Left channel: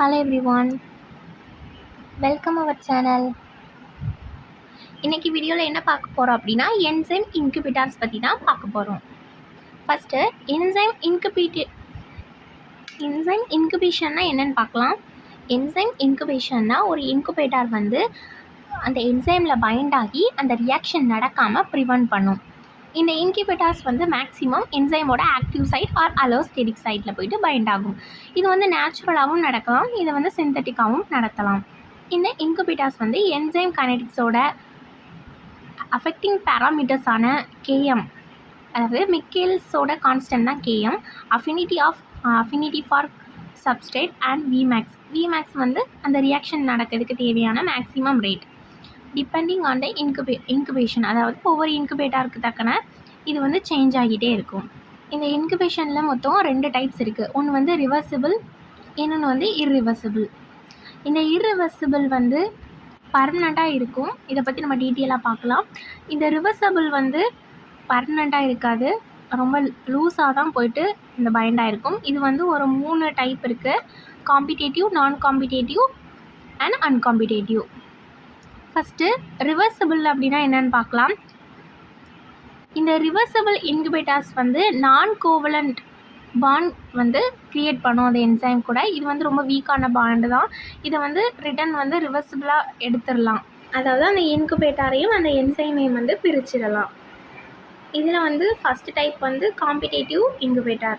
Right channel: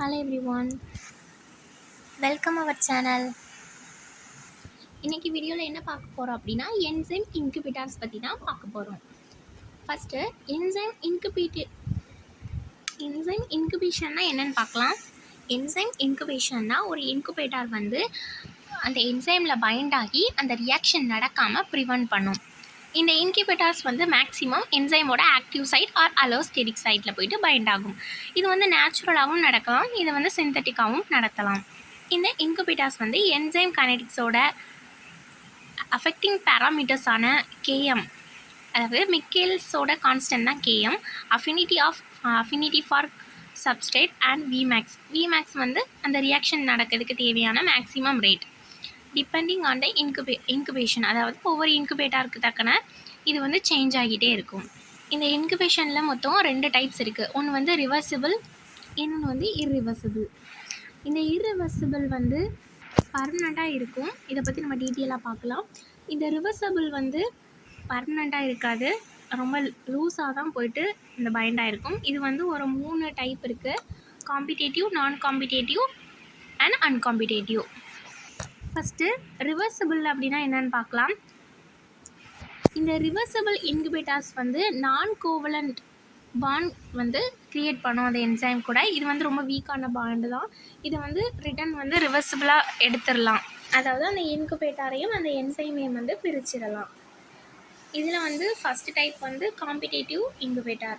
Hello everyone, welcome our channel. இன்னைக்கு வீடியோவில் என்ன பார்க்க போகிறோம் அப்படின்னா என்சைம் இன்குபேட்டர்ஸ் பற்றி தான் பார்க்க போகிறோம். ஃபஸ்ட்டு என்சைம் இன்குபேஷன்னா என்னென்னு பார்க்கலாம். என்சைம் இன்குபேஷன்னா ஒரு இன்குபேட்டர் வந்து அந்த என்சைமில் பைண்ட் ஆகி அந்த ரியாக்ஷன் நடக்காமல் ப்ரிவென்ட் பண்ணும். இந்த இன்குபேட்டர்ஸ் வந்து maximum என்சைமோட active site R allosteric சைட்டில் போயிட்டு பைண்ட் ஆகும். இது வந்து நேச்சுரலாகவும் நடக்கலாம், இதை வந்து சிந்தட்டிக்காகவும் நடத்தலாம். இந்த இன்குபேட்டர்ஸ் வந்து என்சைம் கைனடிக்ஸோட அஃபெக்டிங் பேராமீட்டர்ஸான கேஎம், அதாவது மிக்கேல்ஸோட கான்ஸ்டன்ட் தான் KM, affinity for substrate and Vmax வந்து அந்த ரியாக்ஷன் நடக்கிறதுக்கு தேவையான maximum rate depending on the incubation, அதாவது ஒவ்வொரு இன்குபேட்டருக்கு தக்கன இது வந்து சேஞ்ச் ஆகிட்டே இருக்கும். இந்த இன்குபேஷனில் மொத்தம் 2 டைப்ஸ் இருக்குது. ஒன்று வந்து ரிவர்சிபிள், இன்னொன்று வந்து இர்ரிவர்சிபிள். இந்த இர்ரிவர்சிபிள் வந்து பர்மனண்ட்டாக இருக்கும். இதை பற்றி நம்ம டீட்டெயிலாக பார்க்கலாம். இந்த ரிவர்சபிள் வந்து பர்மனண்ட்டாக இருக்காது, ரொம்ப லூஸாக தான் போயிட்டு இந்த பைண்டாக இருக்கும். இது வந்து ஒரு 3 டைப் இருக்குது: காம்பிடேட்டிவ், நான் காம்பிடேட்டிவ் அண்ட் அன்காம்பிடேட்டிவ். ஃபஸ்ட்டு ரிவர்சிபிள் அப்படின்னா என்னென்னு பார்க்கலாம். இந்த ரிவர்சிபிள் இன்குபேட்டர்ஸ் வந்து நான் கோவலண்ட் பாண்ட் வந்து க்ரியேட் பண்ணும் அந்த என்சைம் கூட. இது வந்து ரொம்ப வீக்கான பாண்டு தான். இதை வந்து ரிட்டன் வந்து ரிவர்சிபிளாக எடுத்துடலாம், அதாவது அந்த இன்குபேட்டரையும் அந்த என்சைமையும் வந்து பிரிச்சிடலாம். இதில் வந்து ஃபஸ்ட்டு டைப் வந்து காம்பிடேட்டிவ் இன்குபேட்டர்.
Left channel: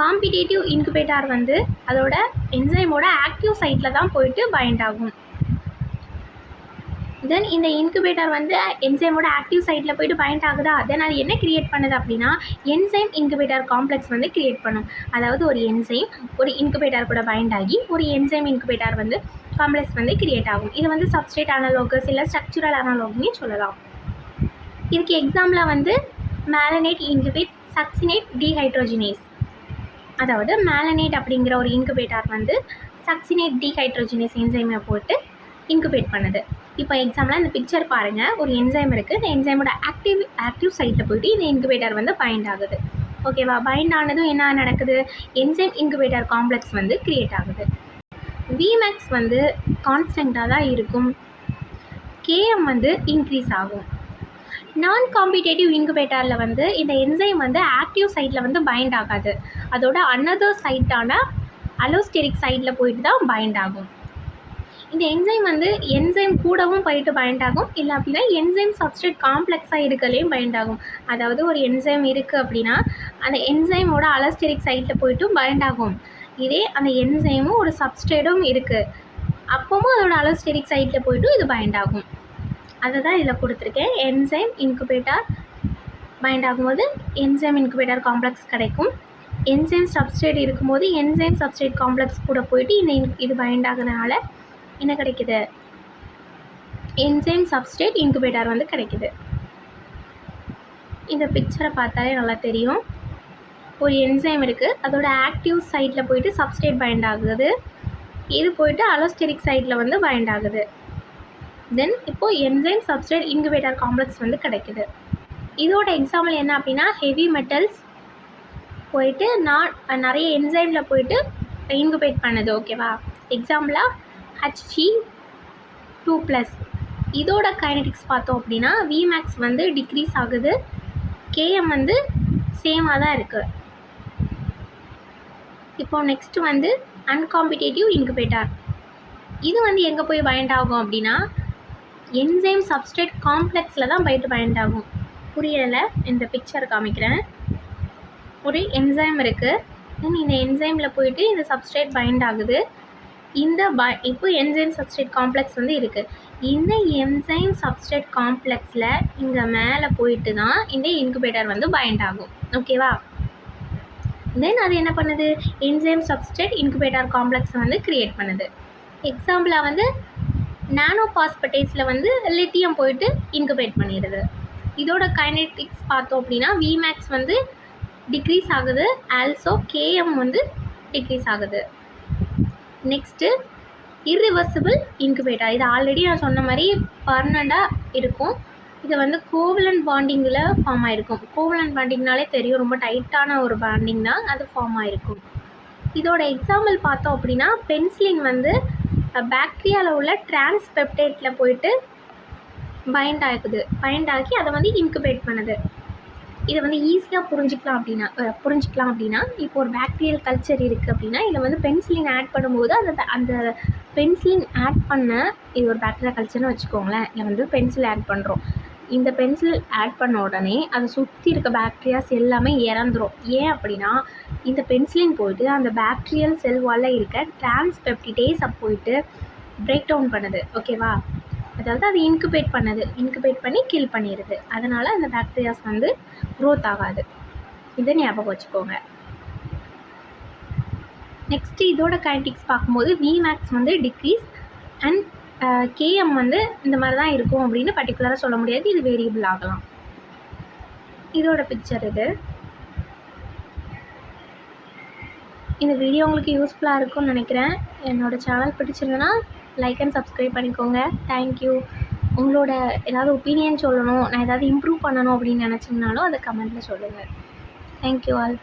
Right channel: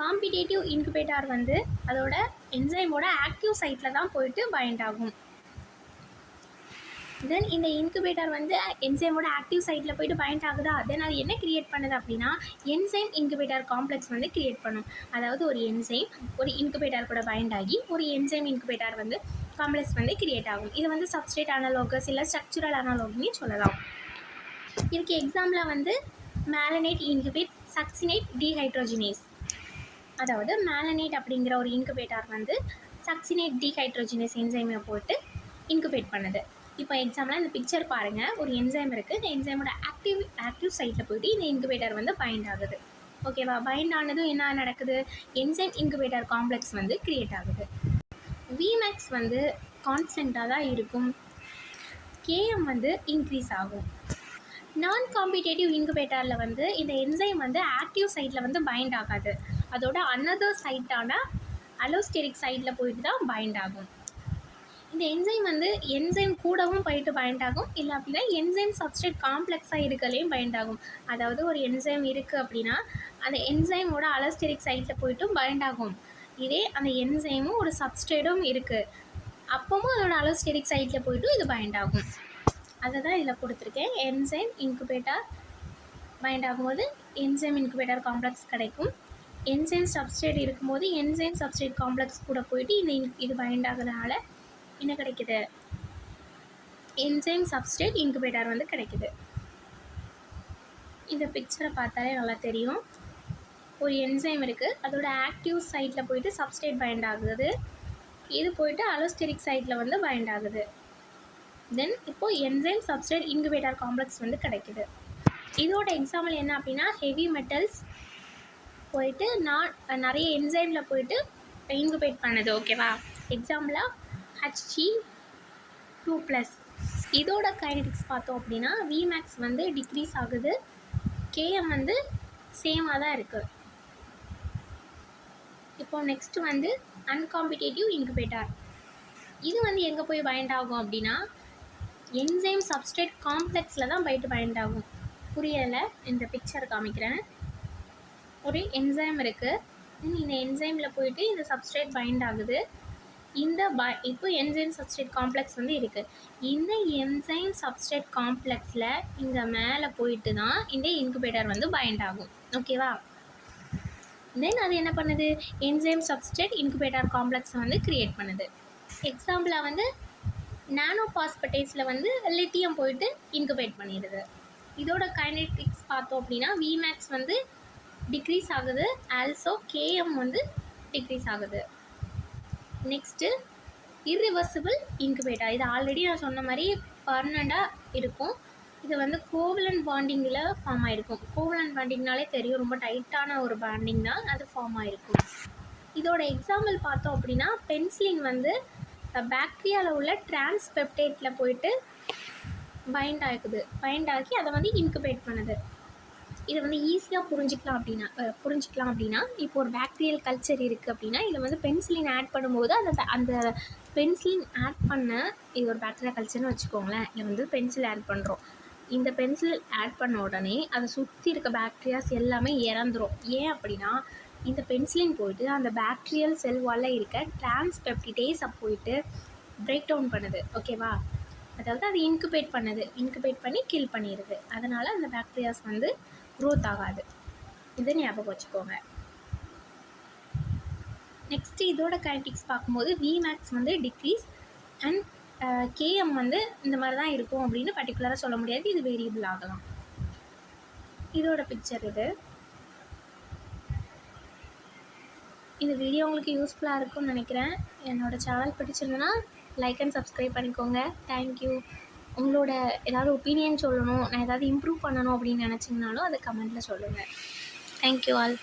காம்பிடேட்டிவ் இன்குபேட்டர் வந்து அதோட என்சைமோட ஆக்டிவ் சைட்டில் தான் போயிட்டு பைண்ட் ஆகும். தென் இந்த இன்குபேட்டர் வந்து என்சைமோட ஆக்டிவ் சைட்டில் போய்ட்டு பைண்ட் ஆகுதா, தென் அது என்ன க்ரியேட் பண்ணுது அப்படின்னா என்சைம் இன்குபேட்டர் காம்ப்ளெக்ஸ் வந்து க்ரியேட் பண்ணும். அதாவது ஒரு என்சைம் ஒரு இன்குபேட்டர் கூட பைண்ட் ஆகி ஒரு என்சைம் இன்குபேட்டர் வந்து காம்ப்ளெக்ஸ் வந்து க்ரியேட் ஆகும். இது வந்து சப்ஸ்ட்ரேட் அனலோகஸ் இல்லை ஸ்ட்ரக்சுரல் அனலோக்னு சொல்லலாம். இதுக்கு எக்ஸாம்பிளாக வந்து மேலனேட் இன்குபேட் சக்சினேட் டீஹைட்ரோஜினேஸ். அதாவது மேலனேட் அப்படிங்கிற ஒரு இன்குபேட்டர் வந்து சக்சினேட் டீஹைட்ரோஜினேஸ் என்சைமை போட்டு இன்குபேட் பண்ணுது. இப்போ எக்ஸாம்பிளாக இந்த பிக்சர் பாருங்கள். ஒரு என்சைம் இருக்குது. இந்த என்சைமோட ஆக்டிவ் சைட்டில் போய்ட்டு இந்த இன்குபேட்டர் வந்து பைண்ட் ஆகுது. ஓகேவா? பைண்ட் ஆனதும் என்ன நடக்குது? என்சைம் இன்குபேட்டர் காம்ப்ளெக்ஸ் வந்து க்ரியேட் ஆகுது. விமேக்ஸ் வந்து கான்ஸ்டண்ட்டாக தான் இருக்கும், கேஎம் வந்து இன்க்ரீஸ் ஆகும். நான் காம்பிடேட்டிவ் இன்குபேட்டரில் வந்து இந்த என்சைம் வந்து ஆக்டிவ் சைட்டில் வந்து பைண்ட் ஆகாது, அதோட அனதர் சைட்டான அலோஸ்டெரிக் சைட்டில் போயிட்டு தான் பைண்ட் ஆகும். இந்த என்சைம் வந்து என்சைம் கூடவும் போயிட்டு பைண்ட் ஆகும், இல்லை அப்படின்னா என்சைம் சப்ஸ்ட்ரேட் காம்ப்ளெக்ஸாக இருக்கலையும் பைண்ட் ஆகும். அதாவது ஒரு என்சைம் இருக்குது அப்படின்னா அந்த என்சைமோட அலோஸ்டெரிக் சைட்டில் போய்ட்டும் பைண்ட் ஆகும். இதே அந்த என்சைமும் ஒரு சப்ஸ்ட்ரேட்டும் இருக்குது, அப்பவும் அதோட அலோஸ்டெரிக் சைட்டில் போய்ட்டும் இது பைண்ட் ஆகும். அதை தான் இதில் கொடுத்துருக்கேன். என்சைம் இன்குபேட்டர் பைண்ட் ஆகும்போது என்சைம் இன்குபேட்டர் காம்ப்ளெக்ஸ் கிடைக்கும். என்சைம் சப்ஸ்ட்ரேட் இருக்கும்போது என்சைம் சப்ஸ்ட்ரேட் காம்ப்ளெக்ஸ் கூட போயிட்டு இது பைண்ட் ஆகுறதுனால என்ன கிடைக்குது? என்சைம் சப்ஸ்ட்ரேட் இன்குபேட்டர் வந்து கிடைக்குது. இந்த பிக்சரை பார்த்தாலே நல்லா தெரியும். ஒரு என்சைம் இருக்குது, அதோட ஆக்டிவ் சைட்டில் போயிட்டு சப்ஸ்ட்ரேட் பைண்ட் ஆகுது, இது போயிட்டு அலோஸ்டெரிக் சைட்டில் வந்து பைண்ட் ஆகுது. தென் இப்போது என்சைம் சப்ஸ்ட்ரேட் இன்குபேட்டர் காம்ப்ளெக்ஸ் வந்து கிடைக்குது. இதோட எக்ஸாம்பிள் என்ன அப்படின்னா ஹெவி மெட்டல்ஸ் போயிட்டு நிறைய என்சைமில் போயிட்டு இன்குபேட் பண்ணுது. ஓகேவா? எக்ஸாம்பிளாக Hg2+. இதோட கைனடிக்ஸ் பார்த்தோம் அப்படின்னா விமேக்ஸ் வந்து டிக்ரீஸ் ஆகுது, கேஎம் வந்து சேமாக தான் இருக்குது. இப்போ நெக்ஸ்ட்டு வந்து அன்காம்பிடேட்டிவ் இன்குபேட்டர். இது வந்து எங்கே போய் பைண்ட் ஆகும் அப்படின்னா என்சைம் சப்ஸ்ட்ரேட் காம்ப்ளெக்ஸில் தான் போயிட்டு பைண்ட் ஆகும். புரியலை? இந்த பிக்சர் காமிக்கிறேன். ஒரு என்சைம் இருக்குது, தென் இந்த என்சைமில் போயிட்டு இந்த சப்ஸ்ட்ரேட் பைண்ட் ஆகுது. இப்போ என்சைம் சப்ஸ்ட்ரேட் காம்ப்ளெக்ஸ் வந்து இருக்குது. இந்த என்சைம் சப்ஸ்ட்ரேட் காம்ப்ளெக்ஸில் இங்கே மேலே போயிட்டு தான் இந்த இன்குபேட்டர் வந்து பைண்ட் ஆகும். ஓகேவா? தென் அது என்ன பண்ணுது? என்சைம் சப்ஸ்ட்ரேட் இன்குபேட்டர் காம்ப்ளெக்ஸை வந்து க்ரியேட் பண்ணுது. எக்ஸாம்பிளாக வந்து நானோ பாஸ்பேட்டேஸில் வந்து லித்தியம் போயிட்டு இன்குபேட் பண்ணிடுது. இதோட கைனடிக்ஸ் பார்த்தோம் அப்படின்னா விமேக்ஸ் வந்து டிக்ரீஸ் ஆகுது, ஆல்சோ கேஎம் வந்து டிக்ரீஸ் ஆகுது. Next irreversible incubator. இது ஆல்ரெடி நான் சொன்ன மாதிரி பர்மனண்ட்டாக இருக்கும். இது வந்து கோவலண்ட் பாண்டிங்கில் ஃபார்ம் ஆகிருக்கும். கோவலண்ட் பாண்டிங்னாலே தெரியும், ரொம்ப டைட்டான ஒரு பாண்டிங் தான், அது ஃபார்ம் ஆகிருக்கும். இதோட எக்ஸாம்பிள் பார்த்தோம் அப்படின்னா பென்சிலின் வந்து பாக்டீரியாவில் உள்ள டிரான்ஸ்பெப்டைட்டில் போயிட்டு பைண்ட் ஆகி அதை வந்து இன்குபேட் பண்ணுது. இதை வந்து ஈஸியாக புரிஞ்சிக்கலாம் அப்படின்னா இப்போ ஒரு பாக்டீரியல் கல்ச்சர் இருக்குது அப்படின்னா இதில் வந்து பென்சிலின் ஆட் பண்ணும்போது அந்த பென்சிலின் ஆட் பண்ண இது ஒரு பாக்டீரியா கல்ச்சர்னு வச்சுக்கோங்களேன். இதில் வந்து பென்சில் ஆட் பண்ணுறோம். இந்த பென்சில் ஆட் பண்ண உடனே அதை சுற்றி இருக்க பாக்டீரியாஸ் எல்லாமே இறந்துரும். ஏன் அப்படின்னா இந்த பென்சிலின் போயிட்டு அந்த பாக்டீரியல் செல் வாலில் இருக்க டிரான்ஸ்பெப்டிடேஸை போயிட்டு பிரேக் டவுன் பண்ணுது. ஓகேவா? அதாவது அது இன்குபேட் பண்ணி கில் பண்ணிடுது. அதனால் அந்த பாக்டீரியாஸ் வந்து க்ரோத் ஆகாது. இதை ஞாபகம் வச்சுக்கோங்க. நெக்ஸ்ட்டு இதோட கைனடிக்ஸ் பார்க்கும்போது Vmax வந்து டிக்ரீஸ் அண்ட் Km வந்து இந்த மாதிரி தான் இருக்கும் அப்படின்னு பர்டிகுலராக சொல்ல முடியாது. இது வேரியபிள் ஆகலாம். இதோட பிக்சர் இது. இந்த வீடியோ உங்களுக்கு யூஸ்ஃபுல்லாக இருக்கும்னு நினைக்கிறேன். என்னோடய சேனல் பிடிச்சிருந்ததுன்னா லைக் அண்ட் சப்ஸ்கிரைப் பண்ணிக்கோங்க. தேங்க்யூ. உங்களோட ஏதாவது ஒப்பீனியன் சொல்லணும், நான் ஏதாவது இம்ப்ரூவ் பண்ணணும் அப்படின்னு நினச்சிங்கனாலும் அதை கமெண்ட்டில் சொல்லுங்கள். Thank you all.